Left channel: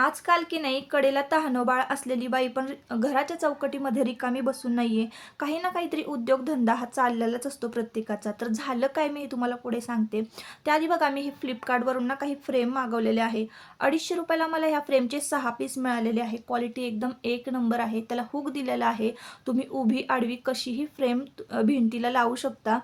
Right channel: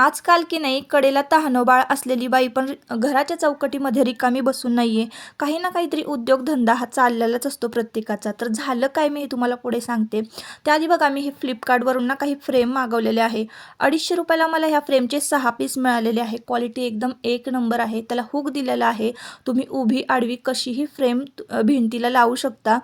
आजकाल की नाही कडेला तहानोबाळ असलेली बाई पण घराच्या चौकटीमध्ये रिकामी बसून नाहीये. काही ना काहीतरी उद्योगधंदा हा चाललेलाच असतो प्रत्येकाचा. तर झालं काय मी हे तुम्हाला पुढे सांगते. त्याआधी बघा मी हे Flipkartवरून ना काही फ्रेम मागवलेले आहे. ₹250 मला ह्या फ्रेमचे 6 पीस मिळालेले आहे. क्वालिटी एकदम एक नंबर आहे. त्याला हुक दिलेला आहे. तुम्ही उभी आडवी कशीही फ्रेम भिंतीला लावू शकता.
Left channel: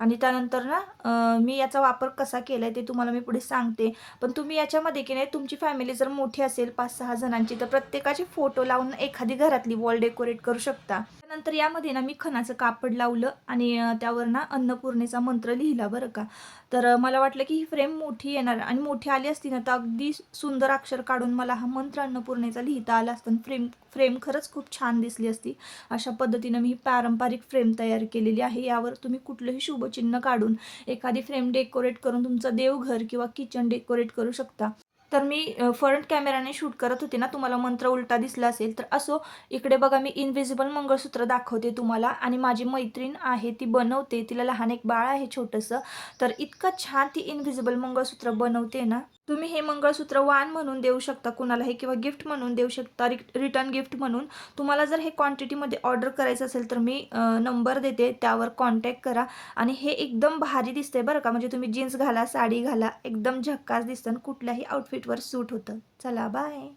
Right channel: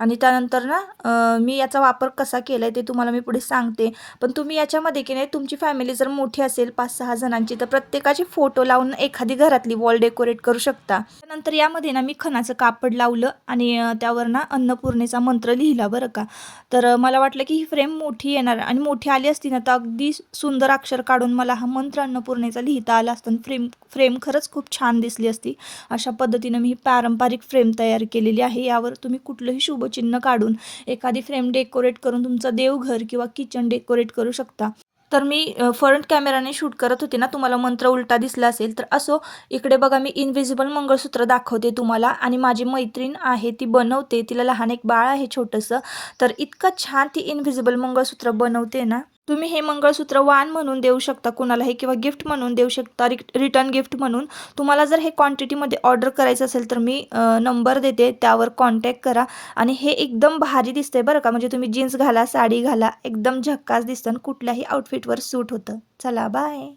आणि त्यानंतर ना मी याचा वापर कसा केलाय ते तुम्हाला मी पुढे सांगते. पण तुम्ही याच्यामध्ये की नाही तुमची फॅमिली जर मोठी असेल 5-6 जणांची तर प्रत्येकाचे फोटो लावून एखादी घरातली वॉल डेकोरेट करू शकता. त्यानंतर यामध्ये ना मी खणाचं कापड लावलं आणि त्यावर ना अन्नपूर्णेचा मंत्र लिहिला बरं का. तर मला वाटलं की ही फ्रेम मोठी येणार आणि मोठी आली असती ना तर अगदी सुंदर अक्षर काढून मला हा मंत्र अन्नपूर्णेचा लिहिता आला असता. फ्रेम फ्रेम खरंच खूप छान दिसली असती. अशा पद्धतीनं मी ही पारंपरिक फ्रेम तयार केलेली आहे. यावर तुम्ही कुठलंही शुभचिन्ह काढून एखादी फ्रेम डेकोरेट करून तुमचं देवघर किंवा किचन डेकोरेट करू शकता. तर मी फ्रंट कॅमेराने शूट करत होते ना, तुम्हाला मंत्र उलटा दिसला असेल तर असो. इकडे बघा मी इन्व्हिजिबल मंगळसूत्र दाखवते तुम्हाला आणि माझी मैत्रीण आहे ती बनवते. तिला लहान एक बाळ आहे छोटंसं. तर इतकं छान ती इन्व्हिजिबल मंगळसूत्र बनवते ना. तुम्ही हे मंगळसूत्र वाण म्हणून देऊ शकता कुणालाही किंवा गिफ्ट म्हणून देऊ शकता, रिटर्न गिफ्ट म्हणून. तुम्हाला जर हे क्वांटिटीमध्ये ऑर्डर करायचं असेल तर मी नंबर देते, त्यावर कॉन्टॅक्ट करा. आणि हे एकदम भारी दिसतंय बरं का, म्हणजे तुम्ही जीन्स घाला, साडी घाला, एकदम झक्कास दिसतं आणि कुठल्याही आउटफिटवर सूट होतं. चला बाय.